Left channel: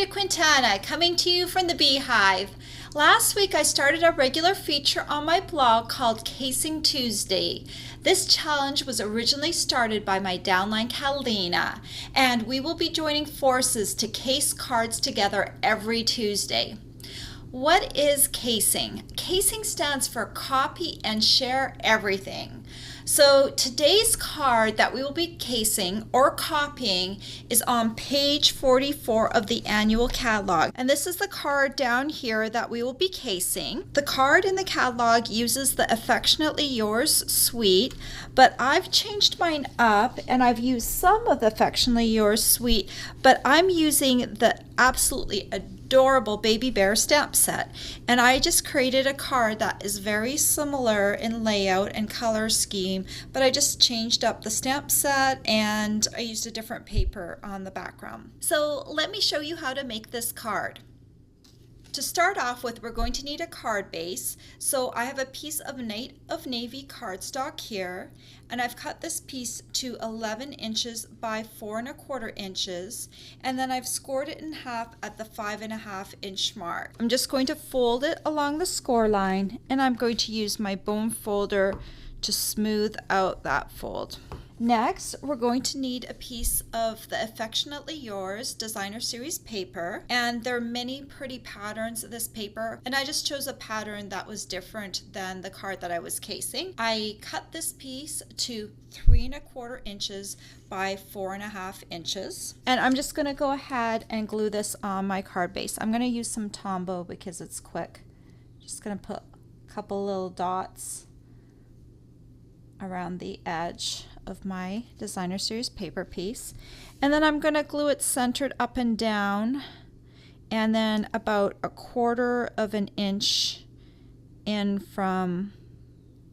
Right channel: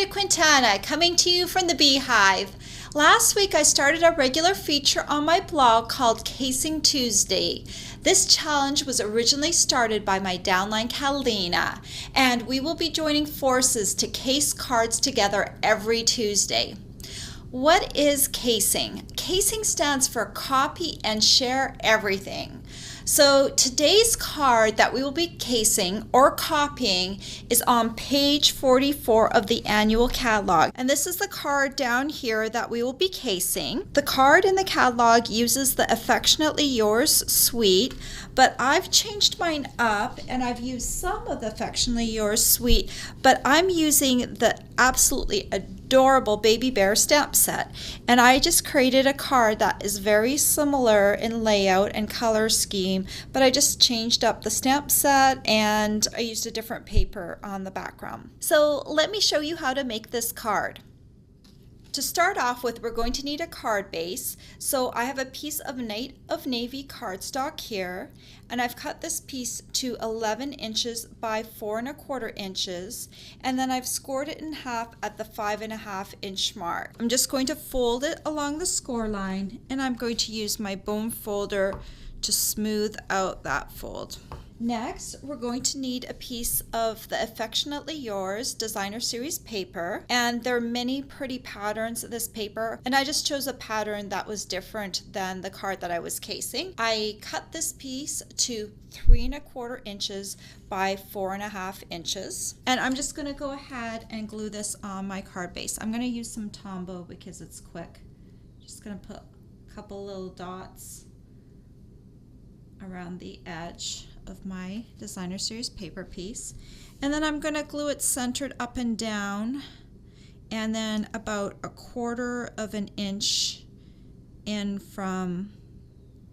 Brenda Quintana coming to you from the Beehive. Last week I started a regular feature on my blog called Casing Tuesday. This challenge was originally started by my downline Catalina, and we will be joining forces to case cards together every Tuesday. What is casing? Casing stands for copy and share everything. So today's card that we will be casing or copying is on page 44 of the annual catalog. And this is the card down here that we will be casing. The card in the catalog uses the Affectionately Yours suite, but I've changed mine up and I've used some of the Affectionately Yours suite, but I'm using the absolutely adorable baby bear stamp set, and I just created a card that is very similar in layout and color scheme, but I just changed up the stamp set and I used a different paper on the background. So let me show you how to make this card. To start off with, we're going to need a card base. So I have a piece of Night of Navy cardstock here, and I've cut this piece to 11 inches by 4¼ inches, and then I've scored it in half at the 5½ inch mark. I'm just going to fold it along the score line, and I'm going to use my bone folder to smooth out that fold. Next, we're going to need a piece of the Affectionately Yours Designer Series paper, and there are many pretty patterns of this paper, and I just chose a pattern that was different than the card that I was casing. I cut this piece to 3¼ inches by 4½ inches, and I'm just going to go ahead and glue this on my card base. I'm going to use some Tombow because it's quick. Just going to put a couple little dots around the edge of my Designer Series paper piece, and then I'm going to glue it centered up and down, and then about 1/4 inch in from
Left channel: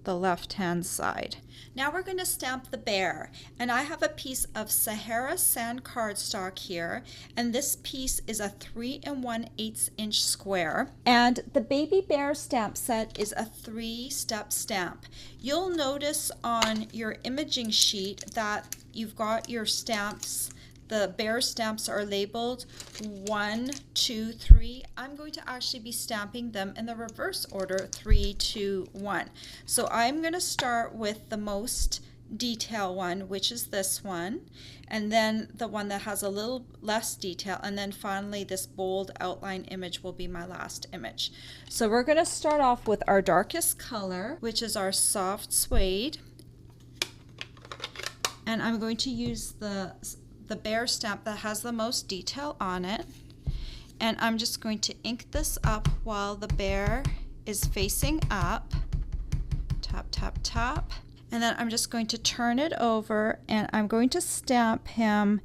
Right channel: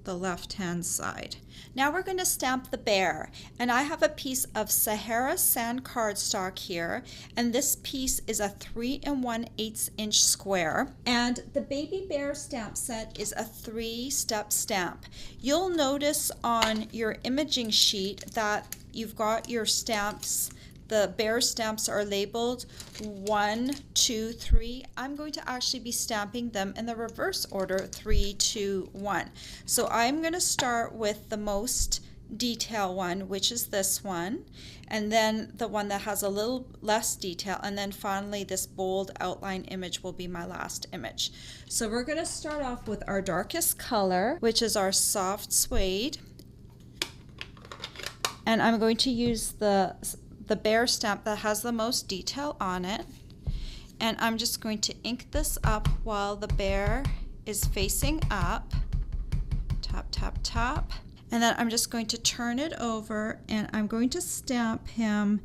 the left hand side. Now we're going to stamp the bear, and I have a piece of Sahara Sand cardstock here, and this piece is a 3 1/8 inch square, and the baby bear stamp set is a 3-step stamp. You'll notice on your imaging sheet that you've got your stamps. The bear stamps are labeled 1, 2, 3. I'm going to actually be stamping them in the reverse order, 3, 2, 1. So I'm going to start with the most detail one, which is this one, and then the one that has a little less detail, and then finally this bold outline image will be my last image. So we're going to start off with our darkest color, which is our soft suede, and I'm going to use the bear stamp that has the most detail on it, and I'm just going to ink this up while the bear is facing up. Tap, tap, tap. And then I'm just going to turn it over, and I'm going to stamp him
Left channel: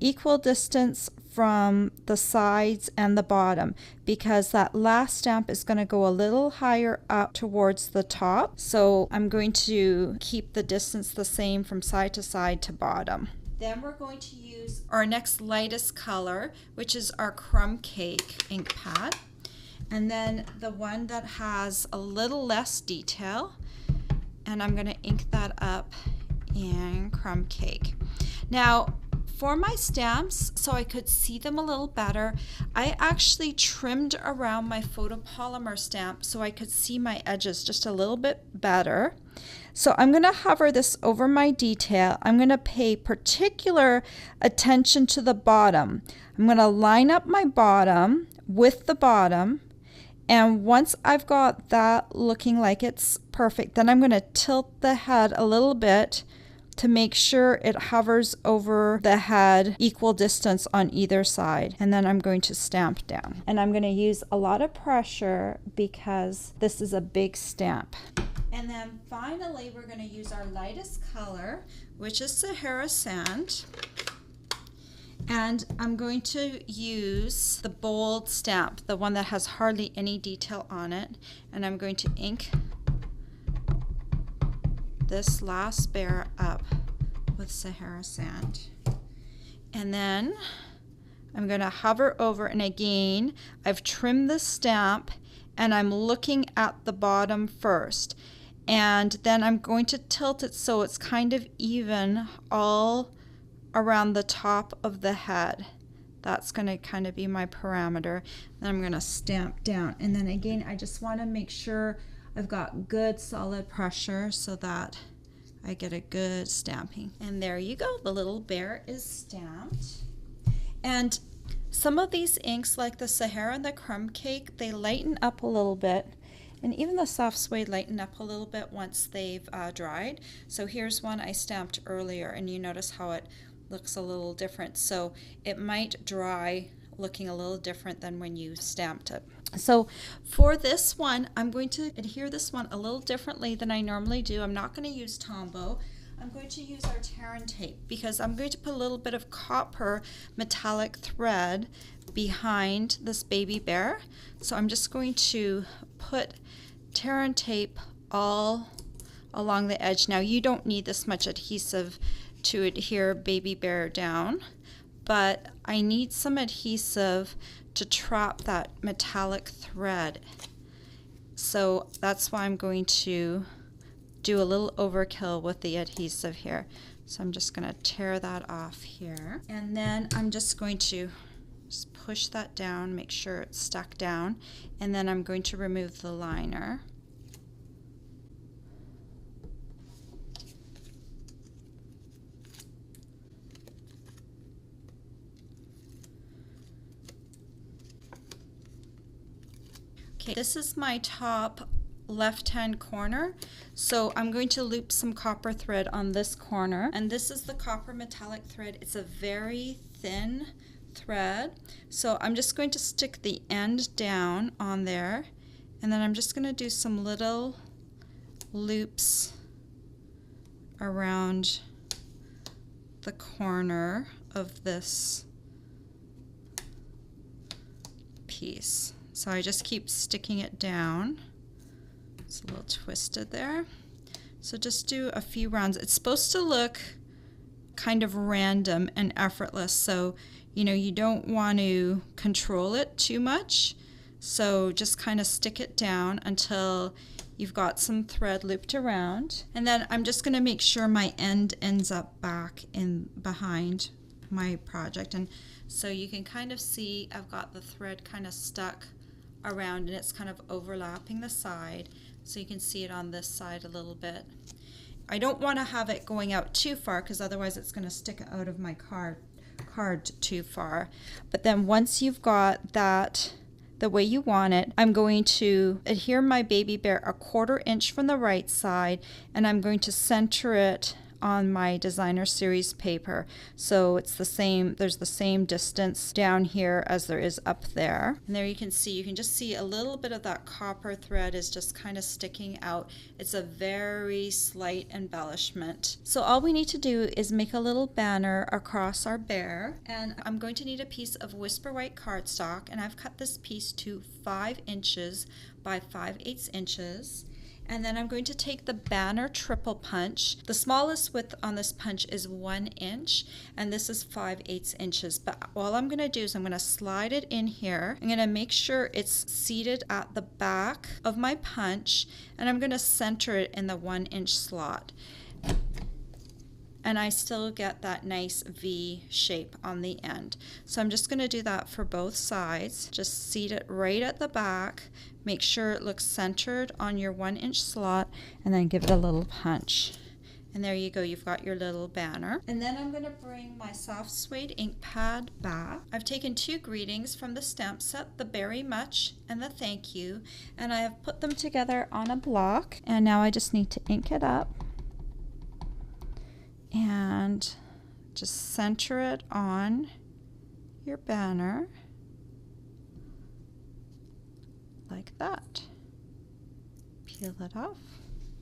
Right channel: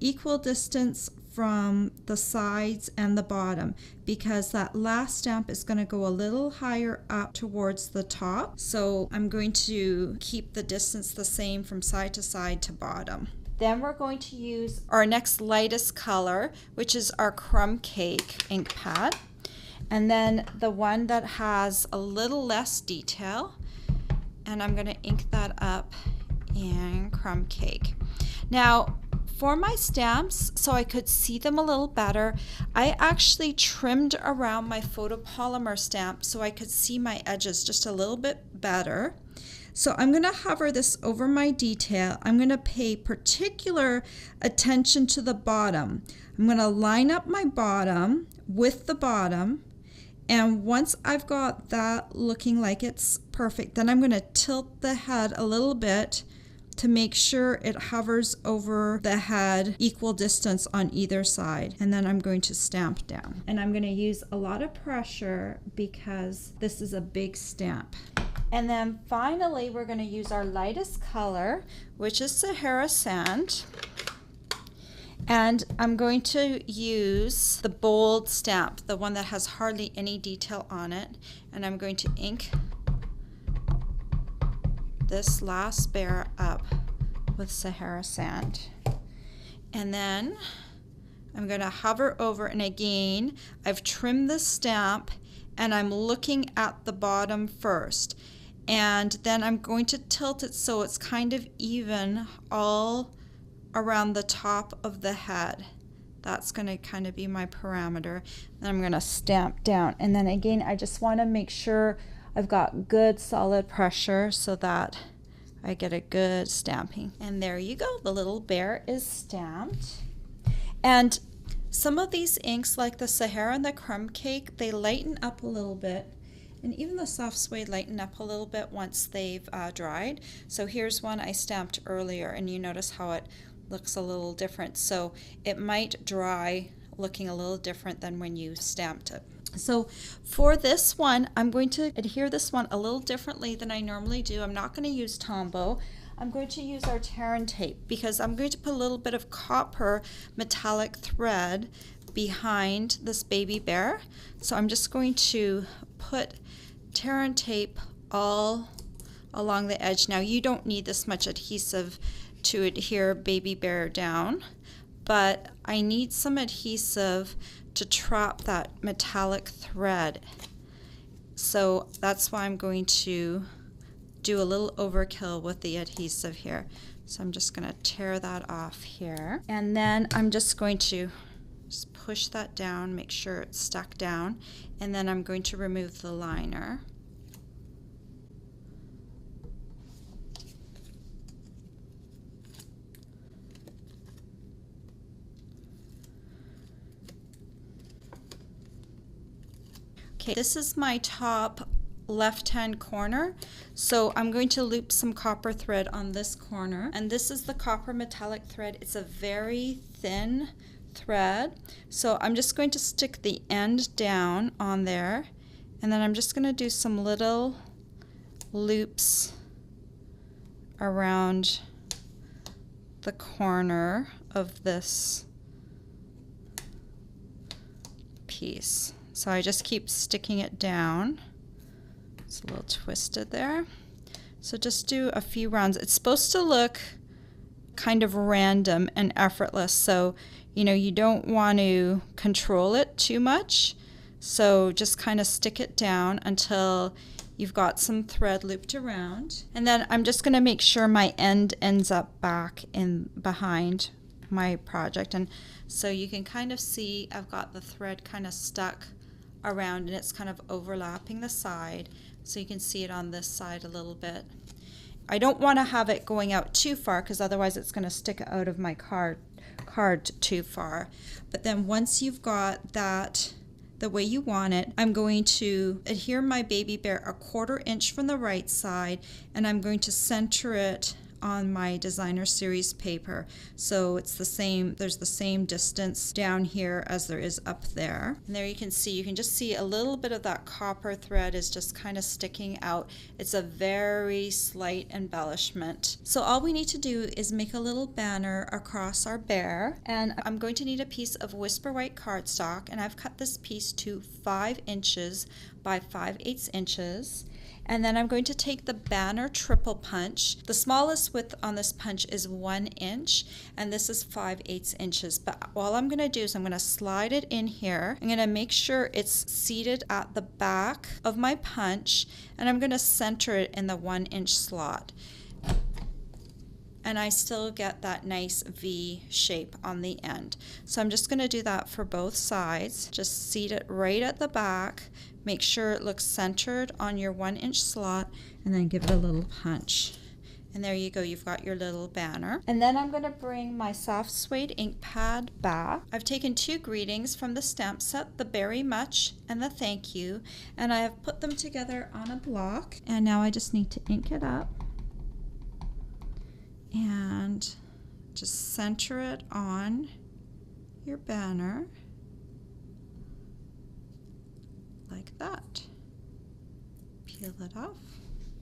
equal distance from the sides and the bottom, because that last stamp is going to go a little higher up towards the top. So I'm going to keep the distance the same from side to side to bottom. Then we're going to use our next lightest color, which is our Crumb Cake ink pad. And then the one that has a little less detail, and I'm going to ink that up in Crumb Cake. Now, for my stamps, so I could see them a little better, I actually trimmed around my photopolymer stamp so I could see my edges just a little bit better. So I'm going to hover this over my detail. I'm going to pay particular attention to the bottom. I'm going to line up my bottom with the bottom, and once I've got that looking like it's perfect, then I'm going to tilt the head a little bit to make sure it hovers over the head equal distance on either side, and then I'm going to stamp down. And I'm going to use a lot of pressure because this is a big stamp. And then finally, we're going to use our lightest color, which is Sahara Sand. And I'm going to use the bold stamp, the one that has hardly any detail on it. And I'm going to ink this last bear up with Sahara Sand. And then I'm going to hover over, and again, I've trimmed the stamp, and I'm looking at the bottom first. And then I'm going to tilt it so it's kind of even all around the top of the head. That's going to kind of be my parameter. Then I'm going to stamp down. And then again, I just want to make sure I've got good solid pressure so that I get a good stamping. And there you go. The little bear is stamped. And some of these inks, like the Sahara and the Crumb Cake, they lighten up a little bit. And even the soft suede lighten up a little bit once they've dried. So here's one I stamped earlier, and you notice how it looks a little different. So it might dry looking a little different than when you stamped it. So for this one, I'm going to adhere this one a little differently than I normally do. I'm not going to use Tombow. I'm going to use our Terran tape because I'm going to put a little bit of copper metallic thread behind this baby bear. So I'm just going to put Terran tape all along the edge. Now you don't need this much adhesive to adhere baby bear down, but I need some adhesive to trap that metallic thread. So that's why I'm going to do a little overkill with the adhesive here. So I'm just going to tear that off here. And then I'm just going to just push that down, make sure it's stuck down. And then I'm going to remove the liner. Okay, this is my top left-hand corner, so I'm going to loop some copper thread on this corner, and this is the copper metallic thread. It's a very thin thread, so I'm just going to stick the end down on there, and then I'm just going to do some little loops around the corner of this piece. So I just keep sticking it down. It's a little twisted there. So just do a few rounds. It's supposed to look kind of random and effortless. So, you know, you don't want to control it too much. So just kind of stick it down until you've got some thread looped around. And then I'm just going to make sure my end ends up back in behind my project. And so you can kind of see I've got the thread kind of stuck around and it's kind of overlapping the side, so you can see it on this side a little bit. I don't want to have it going out too far because otherwise it's going to stick out of my card too far. But then once you've got that the way you want it, I'm going to adhere my baby bear 1/4 inch from the right side, and I'm going to center it on my designer series paper. So it's the same, there's the same distance down here as there is up there. And there you can just see a little bit of that copper thread is just kind of sticking out. It's a very slight embellishment. So all we need to do is make a little banner across our bear, and I'm going to need a piece of Whisper White cardstock, and I've cut this piece to 5 inches by 5/8 inches. And then I'm going to take the banner triple punch. The smallest width on this punch is 1 inch, and this is 5/8 inches. But all I'm going to do is I'm going to slide it in here. I'm going to make sure it's seated at the back of my punch, and I'm going to center it in the 1 inch slot. And I still get that nice V shape on the end. So I'm just going to do that for both sides. Just seat it right at the back. Make sure it looks centered on your 1 inch slot, and then give it a little punch. And there you go, you've got your little banner. And then I'm going to bring my soft suede ink pad back. I've taken 2 greetings from the stamp set, the Very Much and the Thank You, and I have put them together on a block. And now I just need to ink it up and just center it on your banner like that. Peel it off.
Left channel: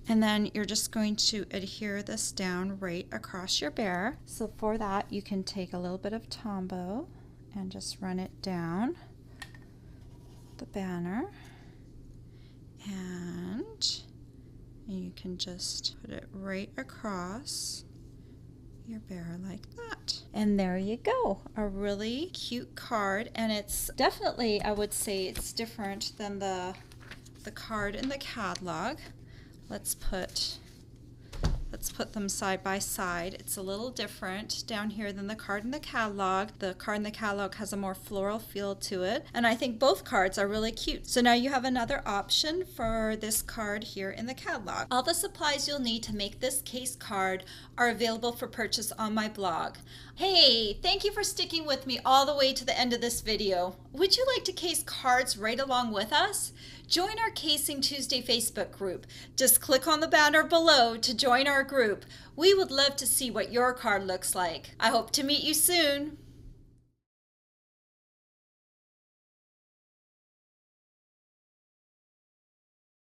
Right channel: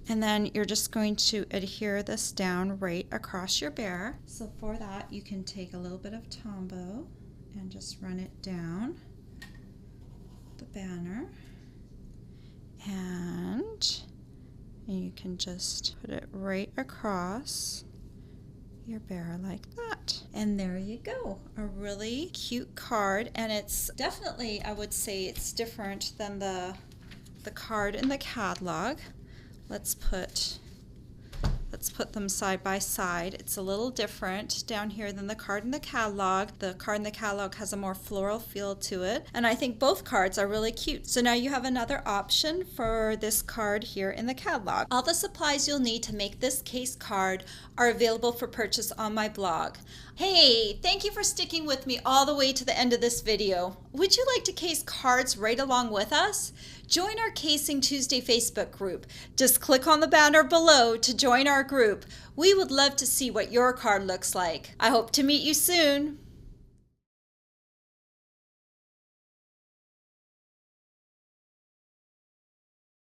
And then you're just going to adhere this down right across your bear. So for that, you can take a little bit of Tombow and just run it down the banner. And you can just put it right across your bear like that. And there you go, a really cute card. And it's definitely, I would say it's different than the card in the catalog. Let's put Let's put them side by side. It's a little different down here than the card in the catalog. The card in the catalog has a more floral feel to it, and I think both cards are really cute. So now you have another option for this card here in the catalog. All the supplies you'll need to make this case card are available for purchase on my blog. Hey, thank you for sticking with me all the way to the end of this video. Would you like to case cards right along with us? Join our Casing Tuesday Facebook group. Just click on the banner below to join our group. We would love to see what your card looks like. I hope to meet you soon.